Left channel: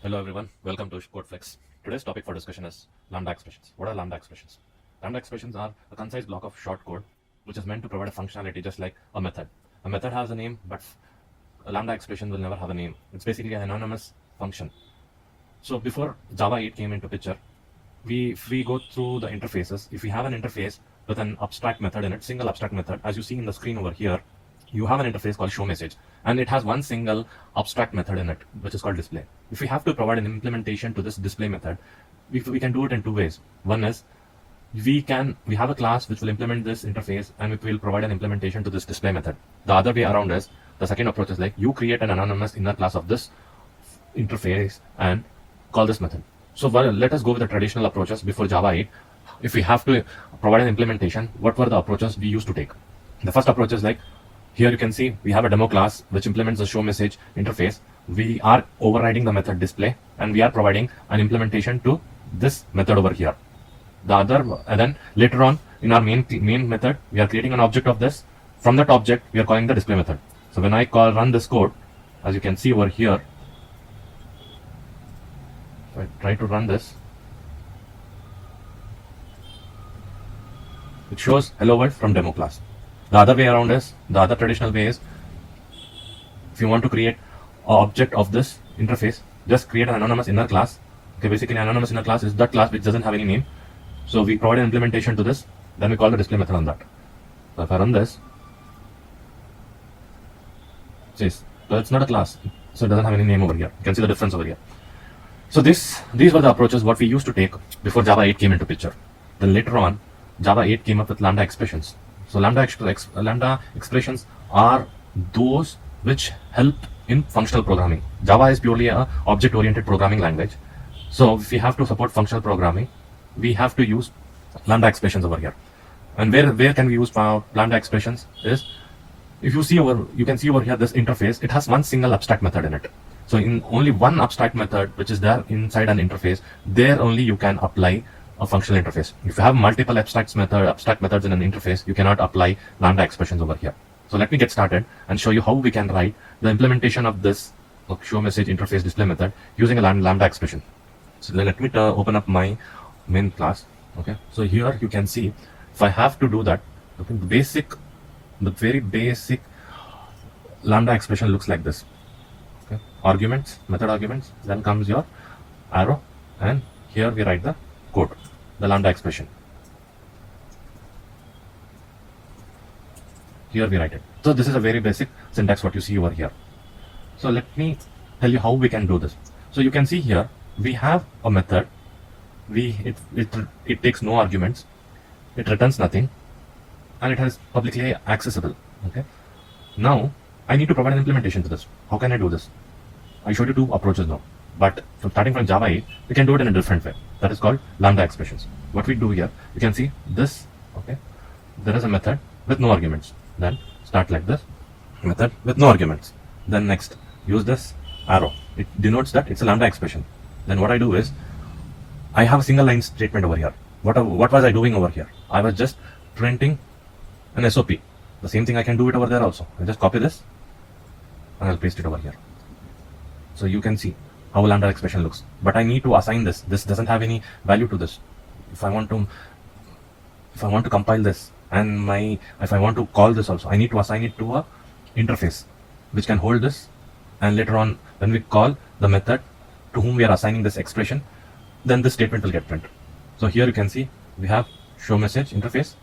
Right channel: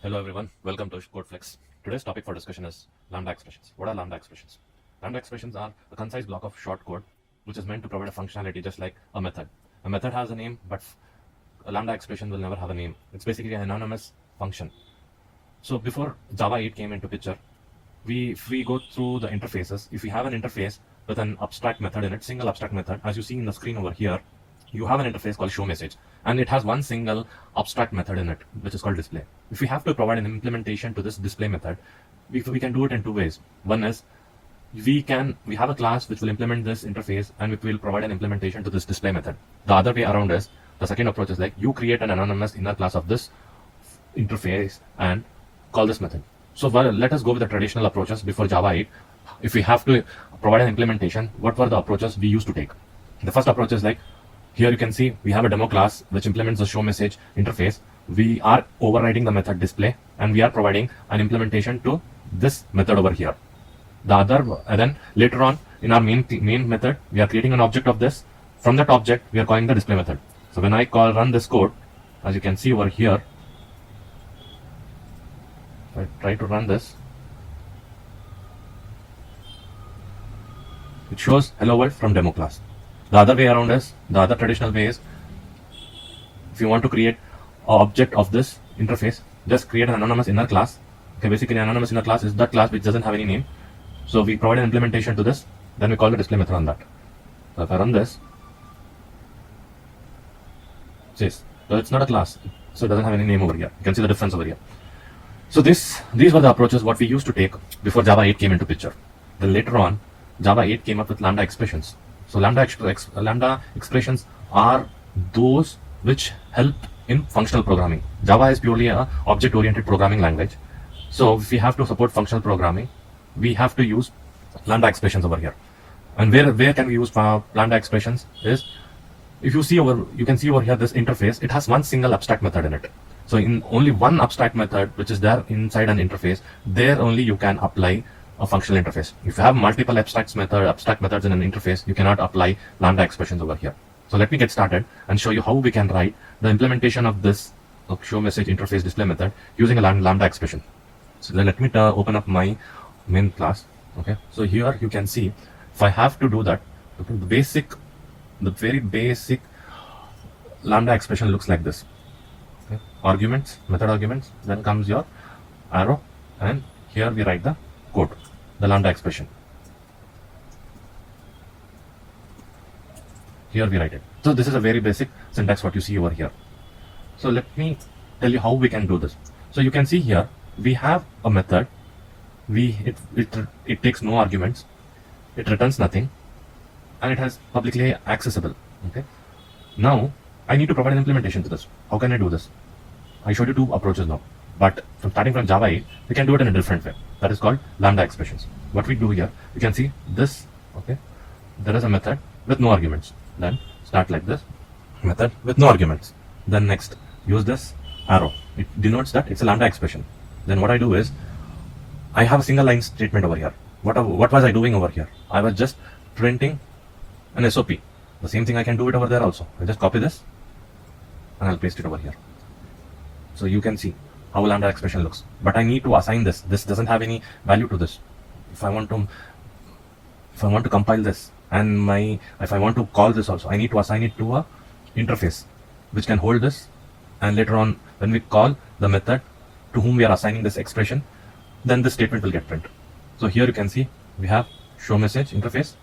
Hello everyone, welcome to CodeFlex. Today's topic for discussion is Lambda expressions. What are Lambda expressions? Lambda expressions are a concise block of short code which is meant to provide a functionality just like a method. A method has a name, but a Lambda expression will never have a name. It's basically an anonymous function. So before Java 8 came into picture, if we go through the interfaces, if we have an interface with an abstract method in it, single abstract method, as you see in the screen over here, you have an interface called showMessage, and it has one single abstract method in it, which is called display. If we have to provide an implementation to this display method, we can do it in two ways. One is we have a class which will implement this interface and it will provide an implementation to this display method. The other way around is the second approach is like you create an anonymous inner class of this interface and call this method. So let us go with the traditional approaches before Java 8. If we have to provide an implementation, what were the approaches we used to take? The first approach is like, here you can see we have a demo class which implements the showMessage interface. We are overriding the method display and we are providing an implementation to this method over here. And then later on in our main method, we are creating an object of this. From that object, we are calling the display method. So when I run this code, as you can see over here, if I try to run this, it shows hello world from demo class. The other way around is, the other traditional way is, if you want to create an object of this interface, just create an anonymous inner class. Okay, basically an anonymous inner class is that class which doesn't have any name. So we provide an implementation to this, then we call the display method on that. So if I run this, so it's not a class, so it doesn't have any name over here. You can see the difference over here. So these were the approaches what we used to take before Java 8 came into picture. Then later on, Java 8 came up with Lambda expressions. So Lambda expressions are those which help in functional programming. Java is purely a object-oriented programming language. So if we have to support functional programming, we have to use Lambda expressions over here. And where can we use Lambda expressions is, if you can see over here this interface, it has one single abstract method in it. So in only one abstract method which is there inside an interface, there only you can apply a functional interface. If you have multiple abstract methods in an interface, you cannot apply Lambda expressions over here. So let me get started and show you how we can write the implementation of this showMessage interface display method using a Lambda expression. So let me open up my main class. Okay, so here you can see if I have to do that, okay, the very basic Lambda expression looks like this. Okay, method arguments, then comes your arrow, and here we write the code, the Lambda expression. Here we write it. So this is a very basic syntax what you see over here. So let me tell you how we can do this. So you can see here we have a method. It takes no arguments, it returns nothing, and it has publicly accessible. Okay. Now I need to provide an implementation to this. How can I do this? I showed you two approaches now, but starting from Java 8, we can do it in a different way. That is called Lambda expressions. What we do here, you can see this. Okay, there is a method with no arguments. Then start like this, method with no arguments. Then next, use this arrow. It denotes that it's a Lambda expression. Then what I do is, I have a single line statement over here. What was I doing over here? I was just printing an SOP. The same thing I can do it over there also. I just copy this and I'll paste it over here. So you can see how a Lambda expression looks. But I need to assign this. This doesn't have any value to this. If I want to compile this and if I want to call this also, I need to assign it to a interface which can hold this. And later on, when we call the method to whom we are assigning this expression, then this statement will get printed. So here you can see we have showMessage interface.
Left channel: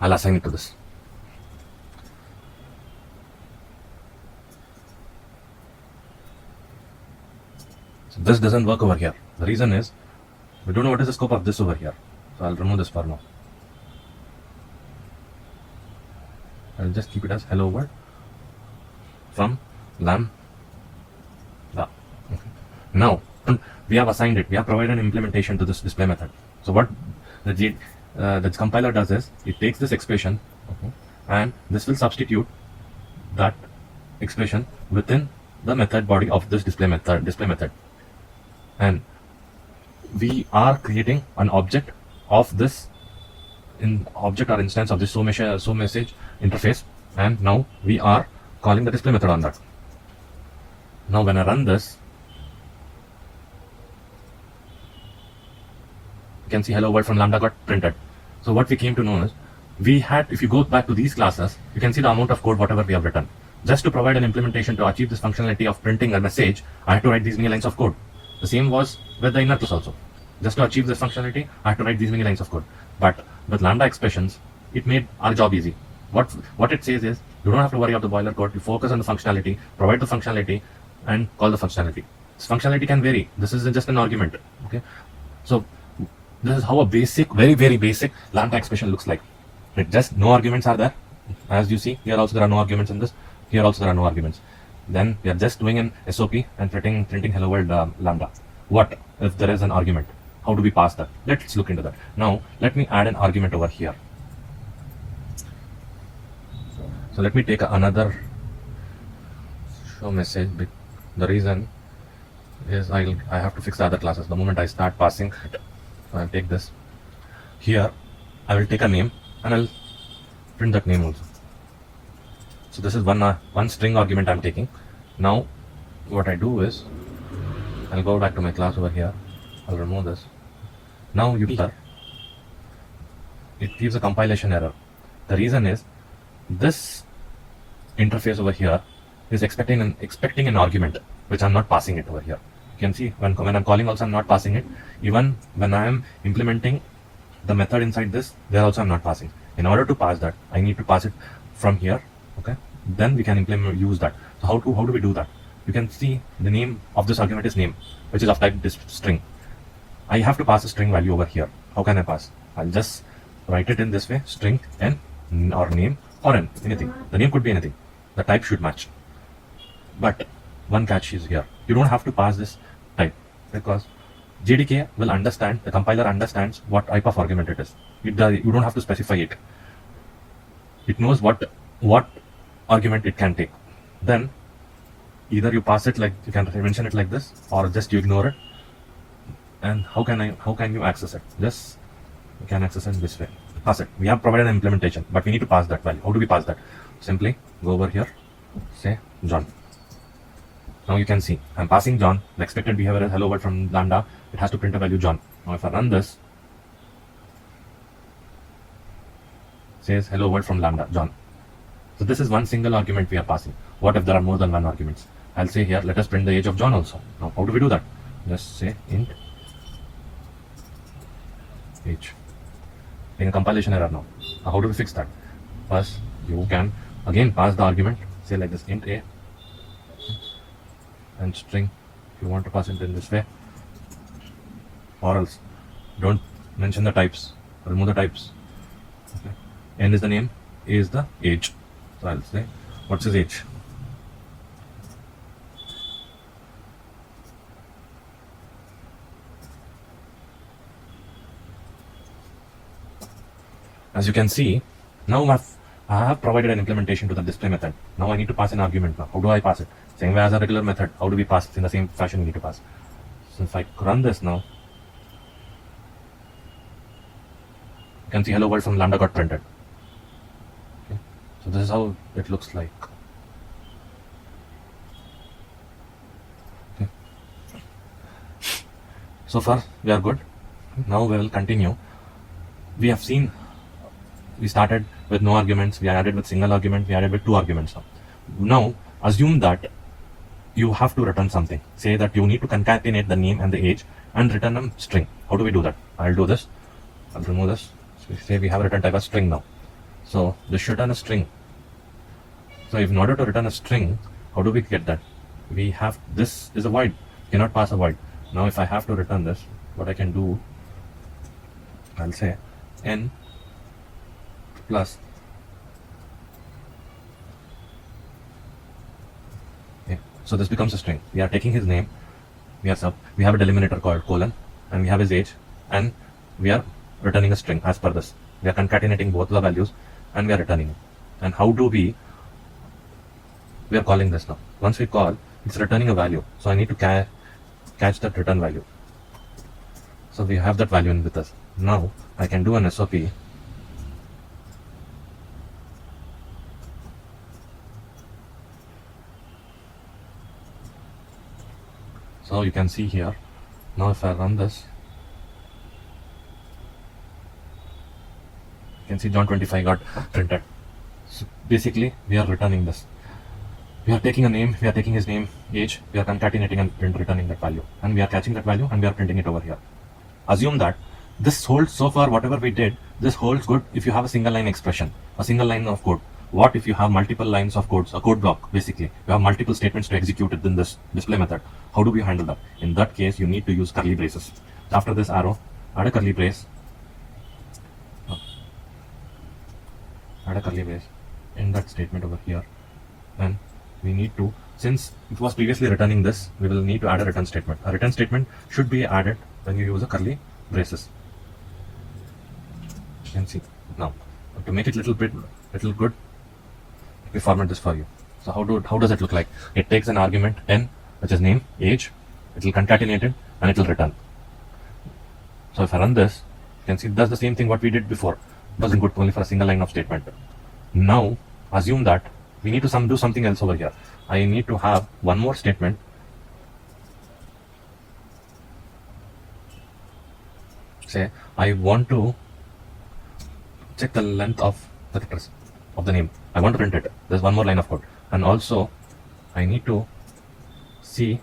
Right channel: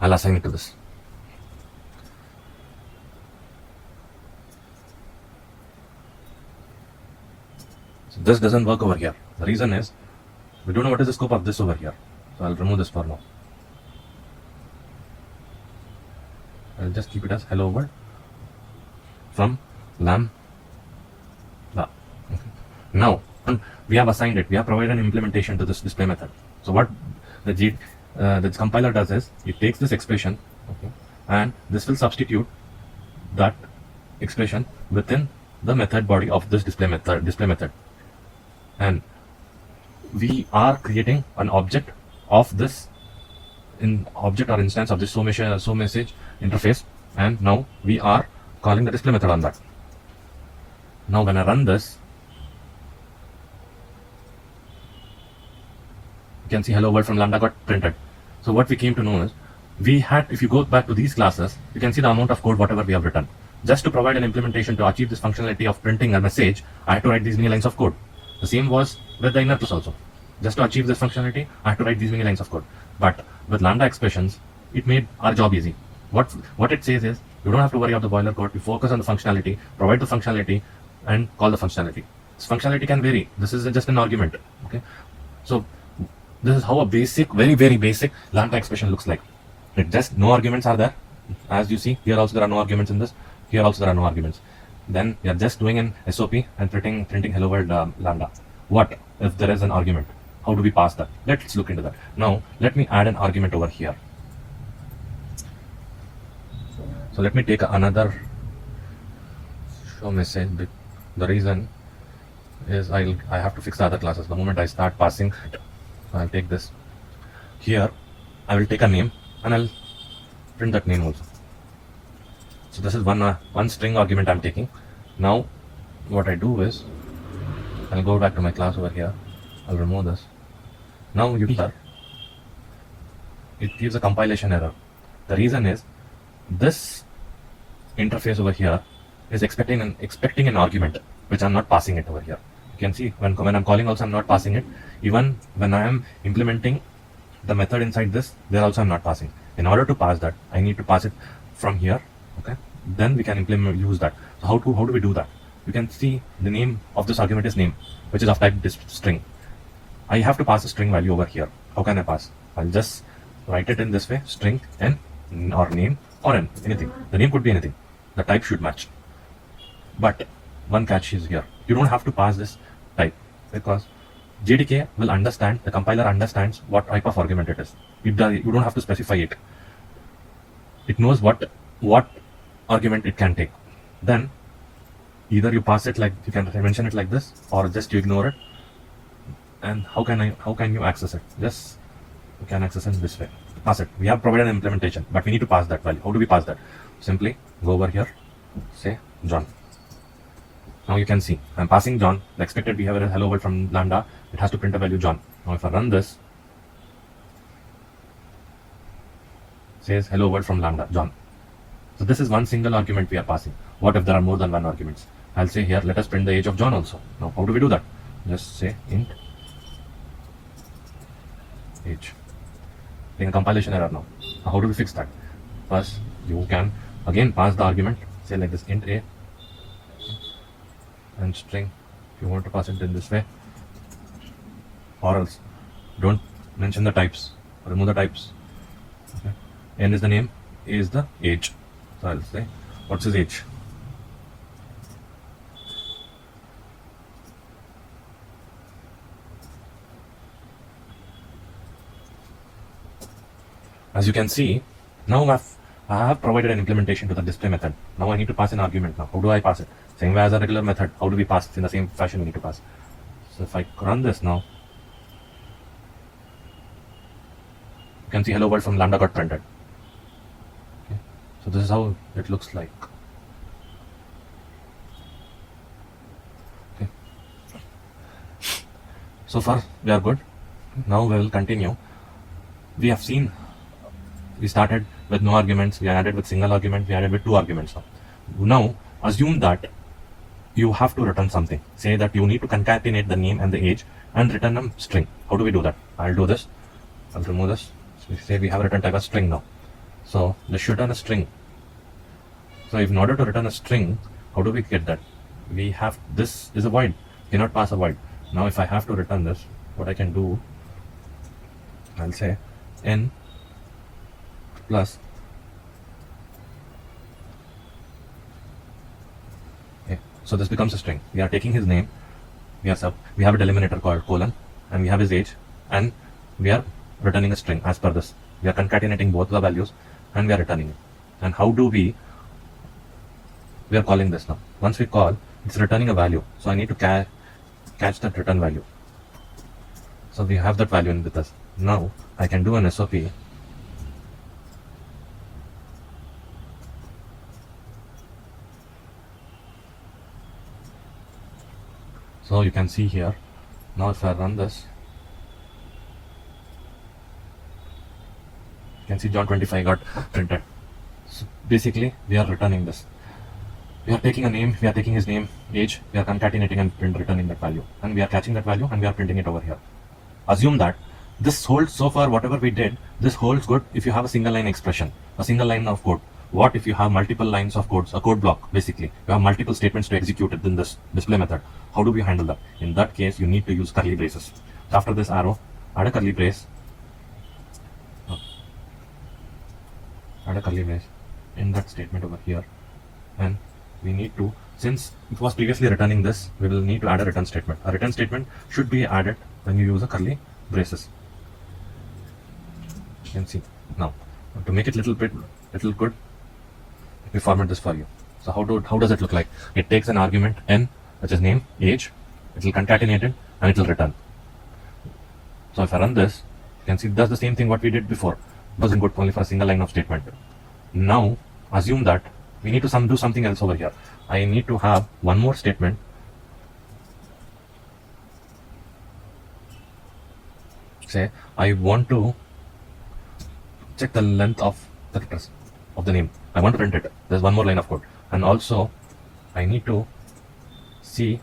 I'll assign it to this. So this doesn't work over here. The reason is we don't know what is the scope of this over here. So I'll remove this for now. I'll just keep it as hello world from Lambda. Okay. Now we have assigned it. We have provided an implementation to this display method. So what the compiler does is it takes this expression, okay, and this will substitute that expression within the method body of this display method. And we are creating an object of this object or instance of this showMessage interface, and now we are calling the display method on that. Now when I run this, you can see hello world from Lambda got printed. So what we came to know is, we had, if you go back to these classes, you can see the amount of code whatever we have written. Just to provide an implementation to achieve this functionality of printing a message, I had to write these many lines of code. The same was with the inner class also. Just to achieve this functionality, I had to write these many lines of code. But with Lambda expressions, it made our job easy. What it says is, you don't have to worry about the boiler code. You focus on the functionality, provide the functionality, and call the functionality. This functionality can vary. This is just an argument. Okay, so this is how a basic, very very basic Lambda expression looks like. It just no arguments are there. As you see, here also there are no arguments in this. Here also there are no arguments. Then we are just doing an SOP and printing hello world Lambda. What if there is an argument? How do we pass that? Let's look into that. Now let me add an argument over here. So let me take another show message. The reason is I have to fix the other classes. The moment I start passing, so I'll take this. Here I will take a name and I'll print that name also. So this is one string argument I'm taking. Now what I do is, I'll go back to my class over here. I'll remove this. Now you see it gives a compilation error. The reason is, this interface over here is expecting an argument, which I'm not passing it over here. You can see when I'm calling also I'm not passing it. Even when I am implementing the method inside this, there also I'm not passing. In order to pass that, I need to pass it from here. Okay, then we can use that. So how do we do that? You can see the name of this argument is name, which is of type string. I have to pass a string value over here. How can I pass? I'll just write it in this way: string n or name or n, anything. The name could be anything. The type should match. But one catch is here. You don't have to pass this type, because JDK will understand, the compiler understands what type of argument it is. You don't have to specify it. It knows what argument it can take. Then either you pass it like, you can mention it like this, or just you ignore it. And how can you access it? Just you can access it this way. Pass it. We have provided an implementation, but we need to pass that value. How do we pass that? Simply go over here, say John. Now you can see I'm passing John. The expected behavior is hello world from Lambda. It has to print a value John. Now if I run this, says hello world from Lambda John. So this is one single argument we are passing. What if there are more than one arguments? I'll say here, let us print the age of John also. Now how do we do that? Just say int age. Being a compilation error now. How do we fix that? First, you can again pass the argument, say like this, int a and string. If you want to pass it in this way, or else don't mention the types, remove the types. Okay. N is the name, A is the age. So I'll say, what's his age? As you can see, now I have provided an implementation to the display method. Now I need to pass an argument. Now how do I pass it? Same way as a regular method. How do we pass it? In the same fashion we need to pass. So if I run this now, you can see hello world from Lambda got printed. Okay. So this is how it looks like. Okay. So far we are good. Now we will continue. We have seen, we started with no arguments, we added with single argument, we added with two arguments. Now assume that you have to return something. Say that you need to concatenate the name and the age and return a string. How do we do that? I'll do this. I'll remove this. So say we have a return type as string now. So this should return a string. So if in order to return a string, how do we get that? We have, this is a void. You cannot pass a void. Now if I have to return this, what I can do, I'll say n plus okay. So this becomes a string. We are taking his name, we have a delimiter called colon, and we have his age, and we are returning a string as per this. We are concatenating both the values and we are returning it. And how do we are calling this now? Once we call, it's returning a value. So I need to catch that return value. So we have that value in with us. Now I can do an SOP. So you can see here, now if I run this, you can see John 25 got printed. So basically we are returning this. We are taking a name, we are taking his name, age, we are concatenating and returning that value. And we are catching that value and we are printing it over here. Assume that this holds, so far whatever we did, this holds good if you have a single line expression, a single line of code. What if you have multiple lines of codes, a code block basically? You have multiple statements to execute within this display method. How do we handle that? In that case, you need to use curly braces. After this arrow, add a curly brace. Add a curly brace in that statement over here. And we need to, since it was previously returning this, we will need to add a return statement. A return statement should be added when you use a curly braces. You can see now, to make it little good, we format this for you. So how does it look like? It takes an argument n, which is name, age, it will concatenate it and it will return. So if I run this, you can see it does the same thing what we did before. It wasn't good only for a single line of statement. Now assume that we need to do something else over here. I need to have one more statement. Say I want to check the length of the address of the name. I want to print it. There's one more line of code. And also I need to see,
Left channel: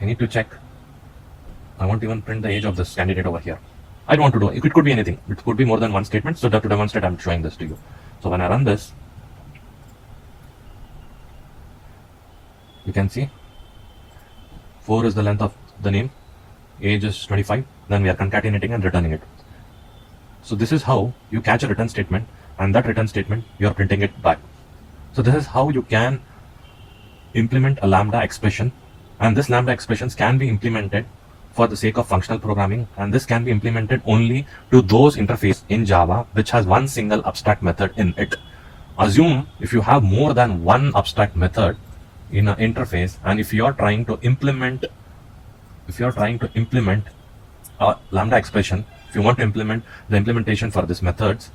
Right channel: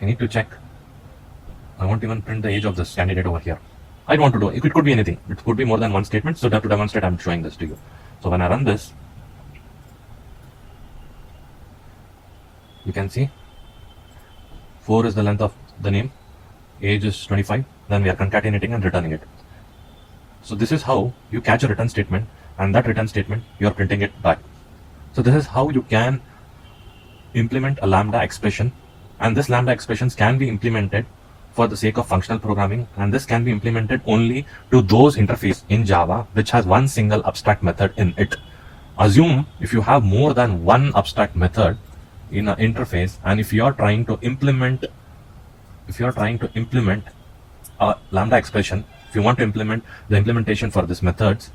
I need to check, I want to even print the age of this candidate over here. I don't want to do it. It could be anything. It could be more than one statement. So to demonstrate, I'm showing this to you. So when I run this, you can see 4 is the length of the name, age is 25. Then we are concatenating and returning it. So this is how you catch a return statement, and that return statement you are printing it back. So this is how you can implement a Lambda expression, and this Lambda expressions can be implemented for the sake of functional programming, and this can be implemented only to those interface in Java which has one single abstract method in it. Assume if you have more than one abstract method in an interface, and if you are trying to implement a Lambda expression, if you want to implement the implementation for these methods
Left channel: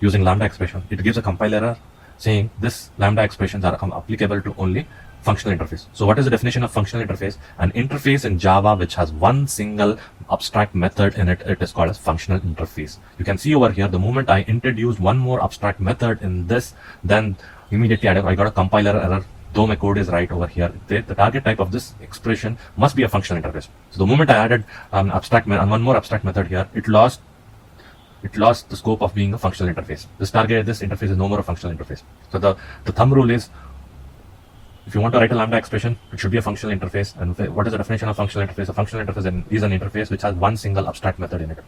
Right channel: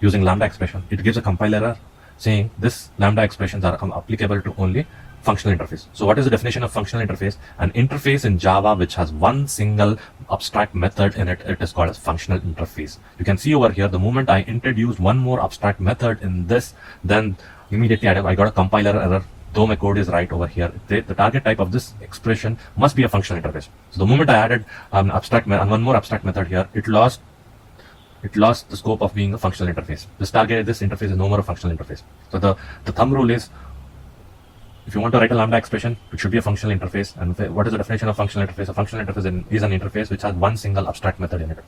using Lambda expression, it gives a compiler error saying this Lambda expressions are applicable to only functional interface. So what is the definition of functional interface? An interface in Java which has one single abstract method in it, it is called as functional interface. You can see over here, the moment I introduced one more abstract method in this, then immediately I got a compiler error. Though my code is right over here, the target type of this expression must be a functional interface. So the moment I added one more abstract method here, it lost the scope of being a functional interface. This interface is no more a functional interface. So the thumb rule is, if you want to write a Lambda expression, it should be a functional interface. And what is the definition of functional interface? A functional interface is an interface which has one single abstract method in it.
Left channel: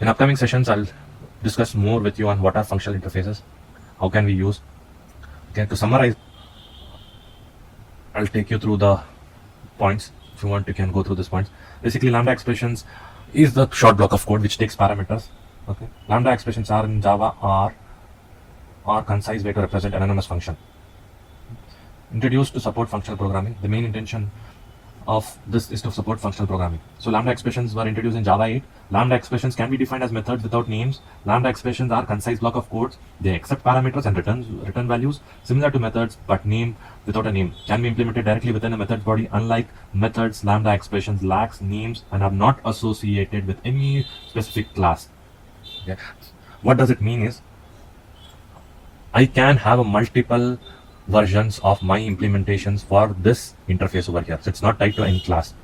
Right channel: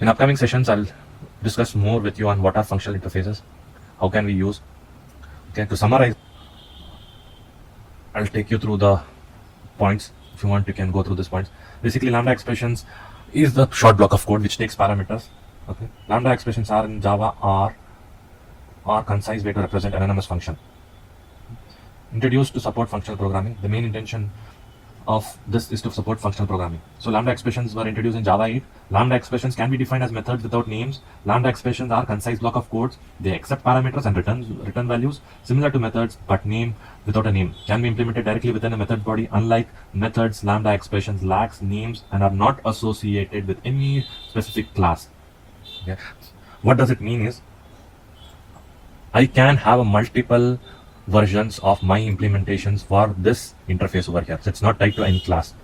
In upcoming sessions, I'll discuss more with you on what are functional interfaces, how can we use. Okay, to summarize, I'll take you through the points. If you want, you can go through these points. Basically, Lambda expressions is the short block of code which takes parameters. Okay, Lambda expressions are in Java are concise way to represent anonymous function. Introduced to support functional programming. The main intention of this is to support functional programming. So Lambda expressions were introduced in Java 8. Lambda expressions can be defined as methods without names. Lambda expressions are concise block of codes. They accept parameters and return values similar to methods but named without a name. Can be implemented directly within a method body. Unlike methods, Lambda expressions lacks names and are not associated with any specific class. Okay. What does it mean is, I can have multiple versions of my implementations for this interface over here. So it's not tied to any class.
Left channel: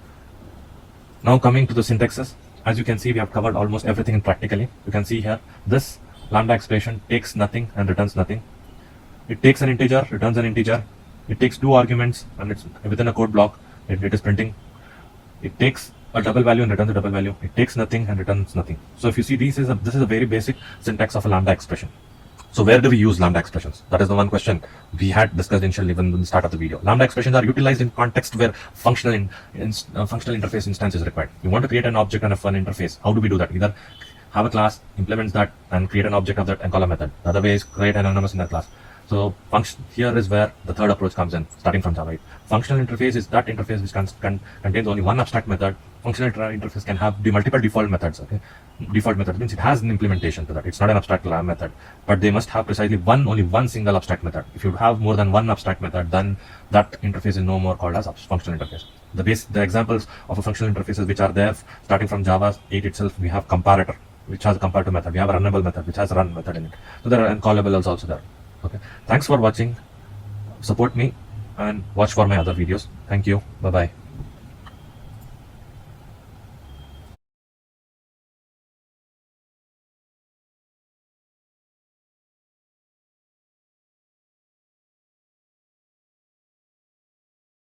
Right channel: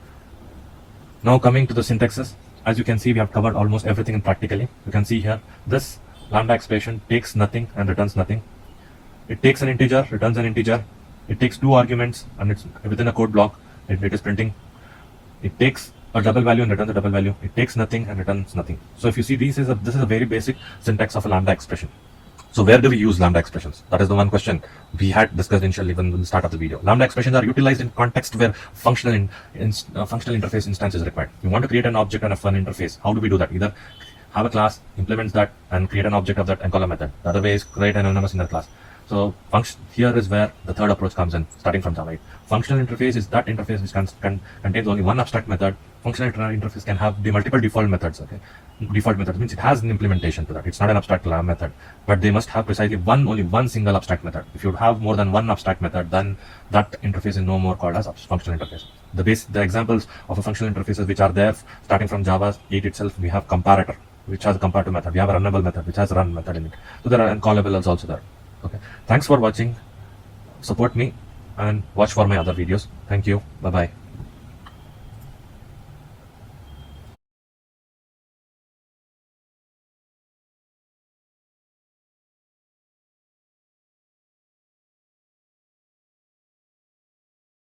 Now coming to the syntaxes, as you can see, we have covered almost everything practically. You can see here, this Lambda expression takes nothing and returns nothing. It takes an integer, returns an integer. It takes 2 arguments and it's within a code block. It is printing. It takes a double value and returns a double value. It takes nothing and returns nothing. So if you see, this is a very basic syntax of a Lambda expression. So where do we use Lambda expressions? That is the one question we had discussed initially even in the start of the video. Lambda expressions are utilized in context where functional interface instance is required. We want to create an object and a fun interface. How do we do that? Either have a class, implements that, and create an object of that and call a method. The other way is create an anonymous inner class. So here is where the third approach comes in, starting from Java 8. Functional interface is that interface which contains only one abstract method. Functional interface can have multiple default methods. Okay, default method means it has an implementation to that. It's not an abstract method, but they must have precisely only one single abstract method. If you have more than one abstract method, then that interface is no more called as functional interface. The examples of a functional interfaces which are there, starting from Java 8 itself, we have comparator, which has a comparator method. We have a runnable method, which has a run method in it. So there are uncallables also there. Okay. Thanks for watching. Support me and watch for my other videos. Thank you. Bye bye.